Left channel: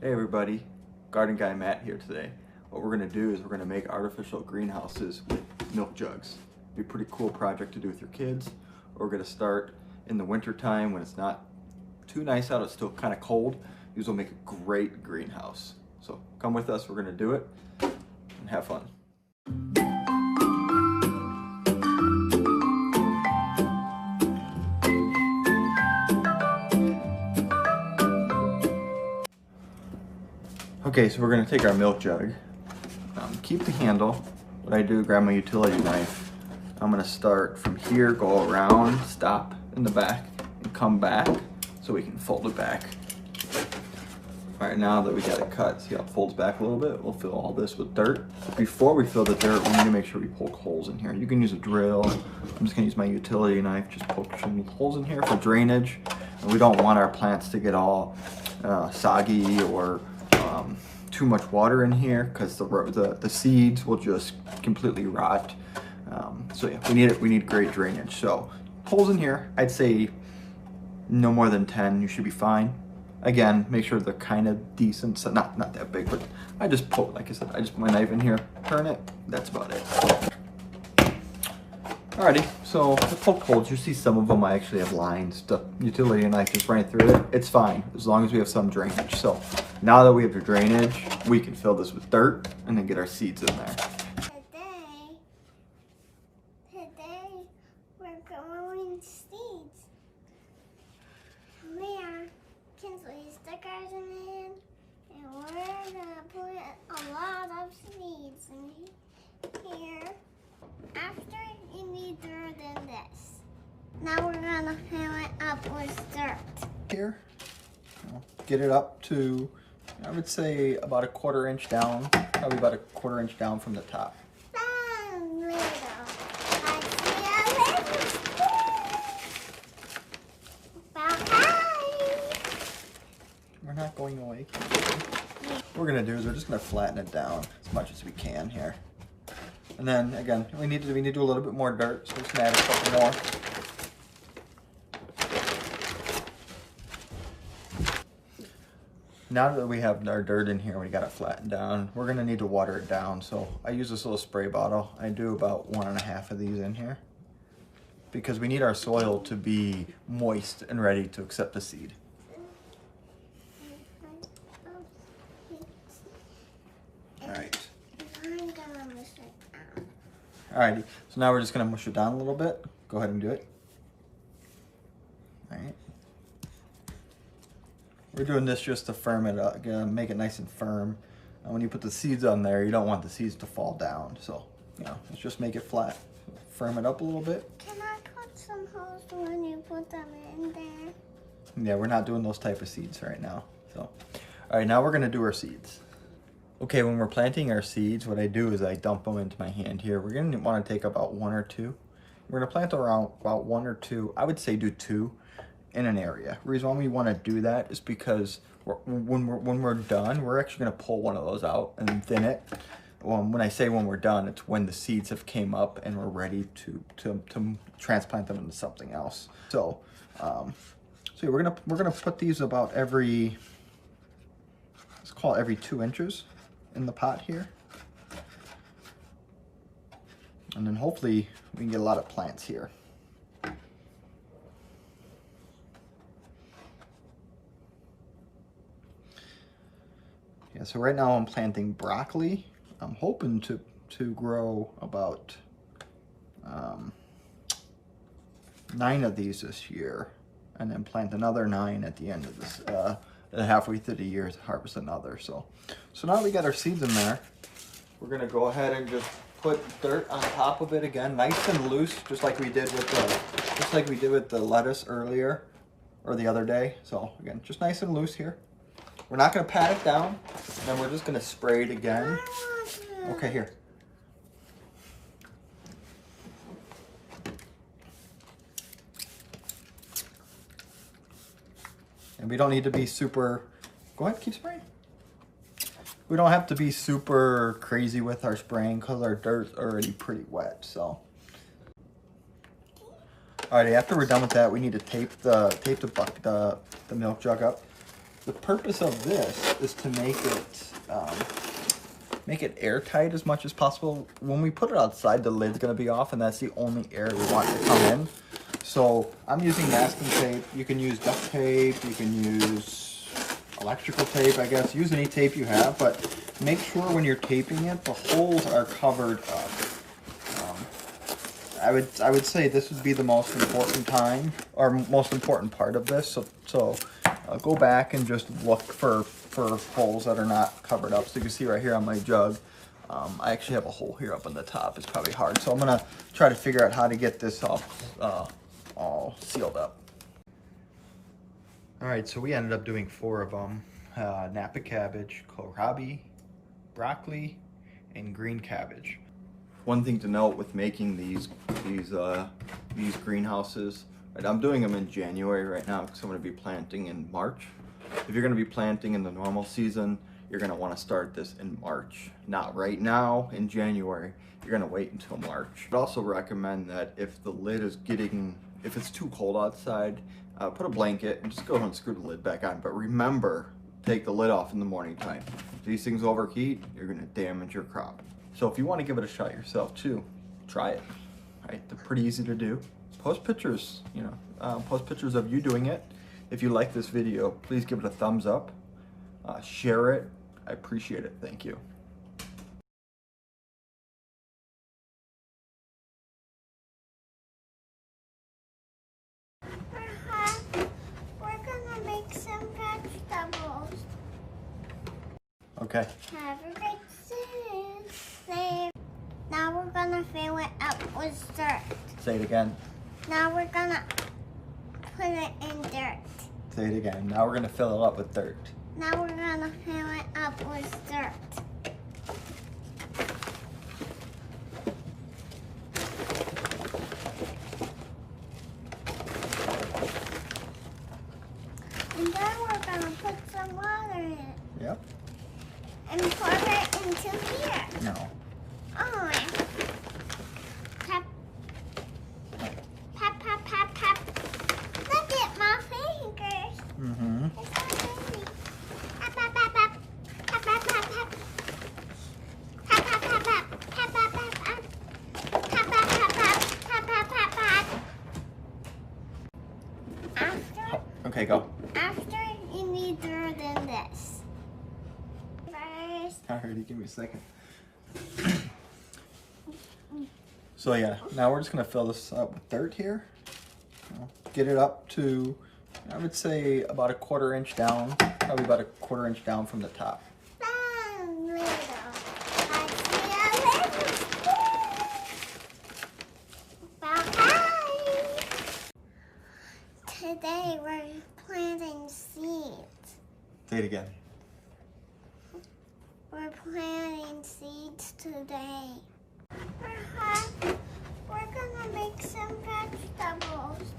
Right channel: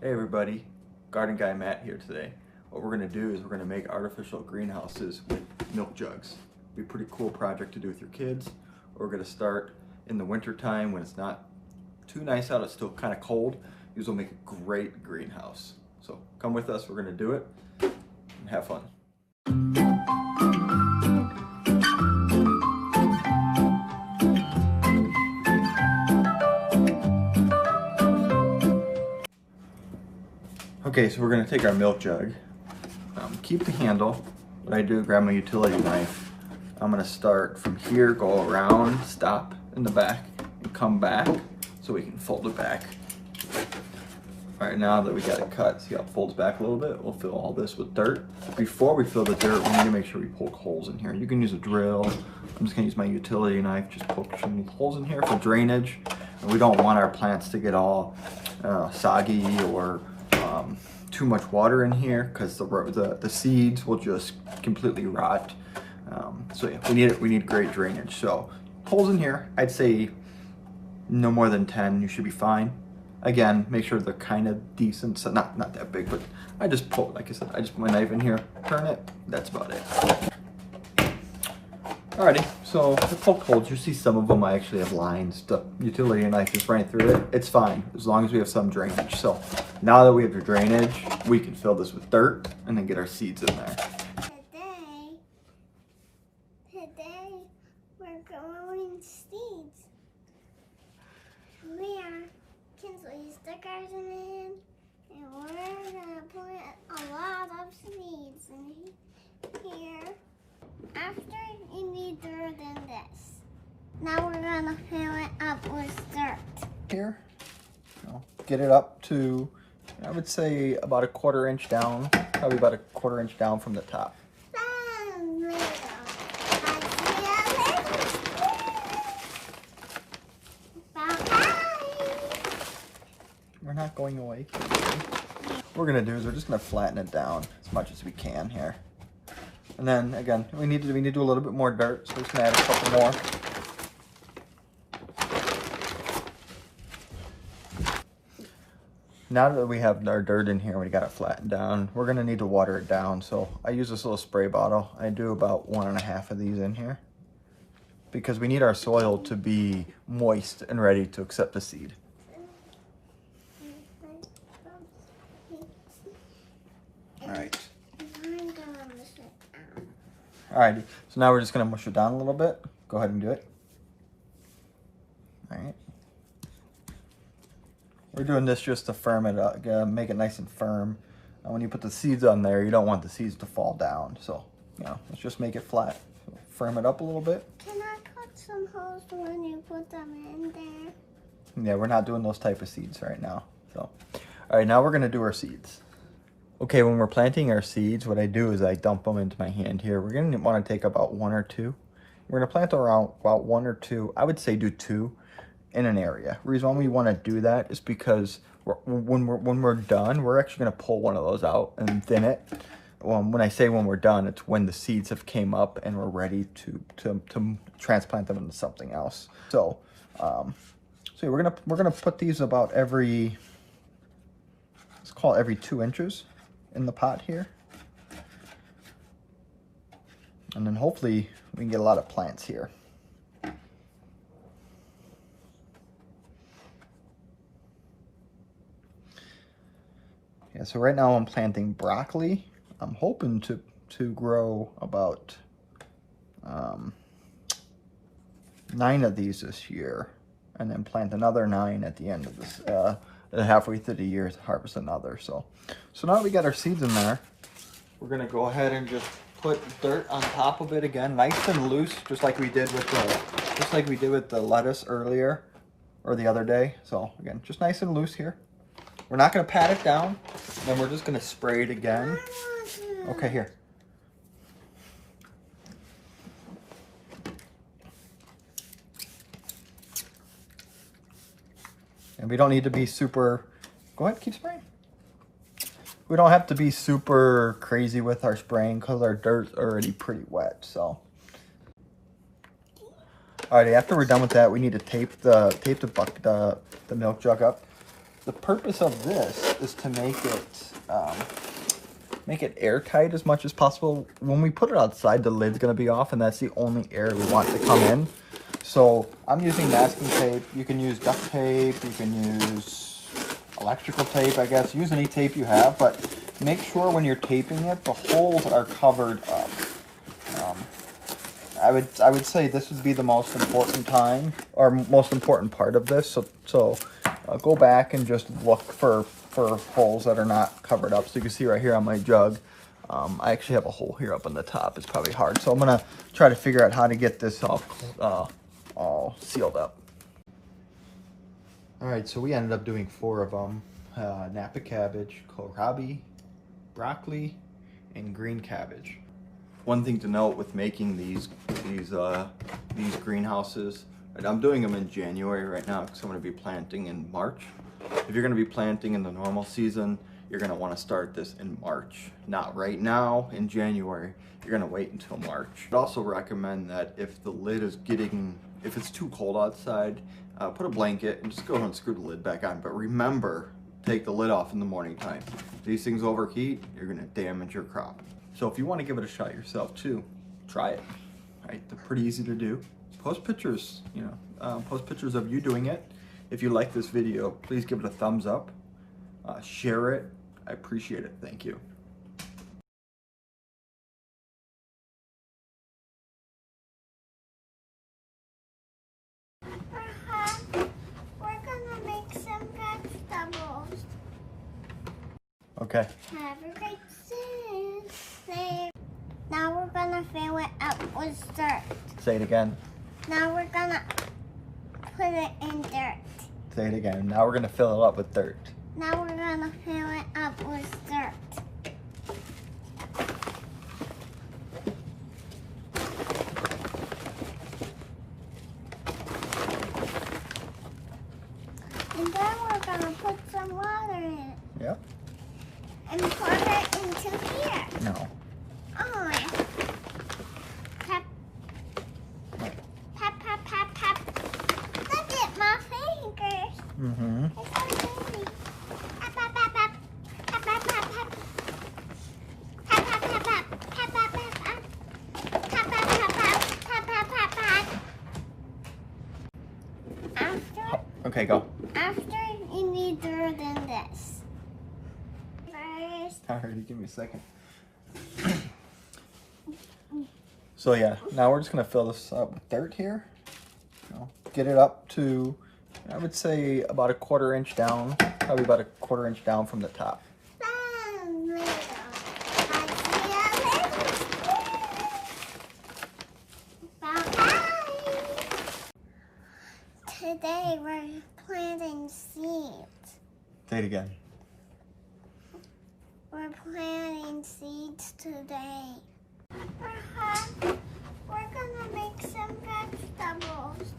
Hey everybody, Garden Guy Matt here today. What we're going to do is we're going to make artificial greenhouses with milk jugs. Be a pretty cool project to do with your kids. We're going to start in the winter time when it's not too nice out, it's still kind of cold. These will make a great greenhouse. So come with us, we're going to do it and have fun. Okay, so we're going to take our milk jug. Keep the handle. What I do, grab my utility knife. I'm going to start from here, go around, stop in the back, and come back so we can fold it back. All right, now that we got it cut, see how it folds back a little bit? We'll fill all this with dirt. Before we fill the dirt, we need to make sure we poke holes in here. You can use a drill. I'm just going to use my utility knife, just poke some holes in here for drainage. And we don't want our plants to get all soggy or too much water in here, because the seeds will just completely rot. So yeah, we need great drainage. So holes in here, I'd say no more than 10. You should be fine. Again, make sure they're kind of decent, so not that big. But I just poke, like I said, I just put my knife in here, turn it. That's about it. Alrighty, so the poked holes, you see some of them I actually have lines. The utility knife just ran through it. It's fine, as long as we have some drainage. So now that we have the drainage, we can fill this with dirt and then get our seeds in there. Today we're growing seeds. We are Kinsley's the garden and we're gonna put a lot of seeds in here. After you need dirt in this. Now we're gonna fill it up with dirt. Here, get it up to, I would say about a 1/4 inch down, probably about a 1/4 inch down from the top. We're not going away. What we're gonna do is we're just gonna flatten it down as much as we can here. And then again, we need to do a little bit more dirt, so we're just gonna add a couple more. Now that we have our dirt in here, we got it flattened down, we're gonna need to water it down. So I use this little spray bottle. I do about 1.5 of these in here, because we need our soil to be moist and ready to accept the seed. All right. Alrighty, so now we're just gonna mush it down a little bit. Go ahead and do it. All right. We're doing this just to firm it up, make it nice and firm. And when you put the seeds on there, you don't want the seeds to fall down. So, let's just make it flat. Firm it up a little bit. Can I cut some holes when you put them in there? Yeah, we're not doing those type of seeds right now. So, all right, now we're gonna do our seeds. Okay, when we're planting our seeds, what I do is I dump them into my hand here. We're going to want to take about 1 or 2. We're going to plant around about 1 or 2. I would say do 2 in an area. The reason why we want to do that is because when we're done, we're actually going to pull one of those out and thin it. When I say when we're done, it's when the seeds have came up and we're ready to transplant them into something else. So, we're gonna put these about every, let's call it every 2 inches. In the pot here, and then hopefully we can get a lot of plants here. Yeah, so right now I'm planting broccoli. I'm hoping to grow about 9 of these this year, and then plant another 9 at the end of this. Halfway through the year to harvest another. So now that we got our seeds in there, we're gonna go ahead and just put dirt on top of it again, nice and loose, just like we did with the lettuce earlier or the other day. So again, just nice and loose here. We're not gonna pat it down, then we're just gonna spray it again. Okay, here. And we don't need to be super, go ahead, keep spraying. We don't have to be super crazy with our spraying because our dirt's already pretty wet, so. Alrighty, after we're done with that, we need to tape the milk jug up. the purpose of this is to make it airtight as much as possible. When we put it outside, the lid's gonna be off, and that's the only air we want to come in. So I'm using masking tape. You can use duct tape, you can use electrical tape, I guess. Use any tape you have, but make sure when you're taping it, the holes are covered up. I would say this would be the most important time, or most important part of this. So go back and just look for holes that are not covered up. So you can see right here on my jug, I actually have a hole here up on the top. It's probably hard. So I'm gonna try to figure out how to get this all sealed up. All right, so we ended up doing 4 of them. Napa cabbage, kohlrabi, broccoli, and green cabbage. One thing to note with making these greenhouses, and I'm doing them in January right now because I'm going to be planting in March. If you're going to be planting in the normal season, you're going to want to start this in March, not right now in January. You're going to wait until March. I'd also recommend that if the lid is if it's too cold outside, put a blanket and just go ahead and screw the lid back on. But remember, take the lid off in the morning time. If these things overheat, you're going to damage your crop. So if you want to give it a shot yourself too, try it. Right? They're pretty easy to do. Post pictures, post pictures of you doing it. If you like this video, please give it a thumbs up. Share it. I appreciate it. Thank you. We're gonna make some vegetables. Okay. Have a great day. Now we're gonna fill it up with dirt. Say it again. Now we're gonna put it in dirt. Say it again. Now we're gonna fill it up with dirt. Now we're gonna fill it up with dirt. And then we're gonna put some water in it. Yep. And pour it into here. No. Oh. Pep. Pep, pep, pep, pep. Look at my fingers. Mm-hmm. It's so pretty. Pep, pep, pep, pep. Pep, pep, pep, pep. Pep, pep, pep, pep. Pep, pep, pep, pep. Pep, pep, pep, pep. Pep, pep, pep, pep. After. Okay, go. After you need dirt in this. First. Alrighty, give me a second. So yeah, now we're just gonna fill this up with dirt here. Get it up to, I would say, about a 1/4 inch down, probably about a 1/4 inch down from the top. Today we're planting seeds. Say it again. We're planting seeds today. We're gonna make some vegetables.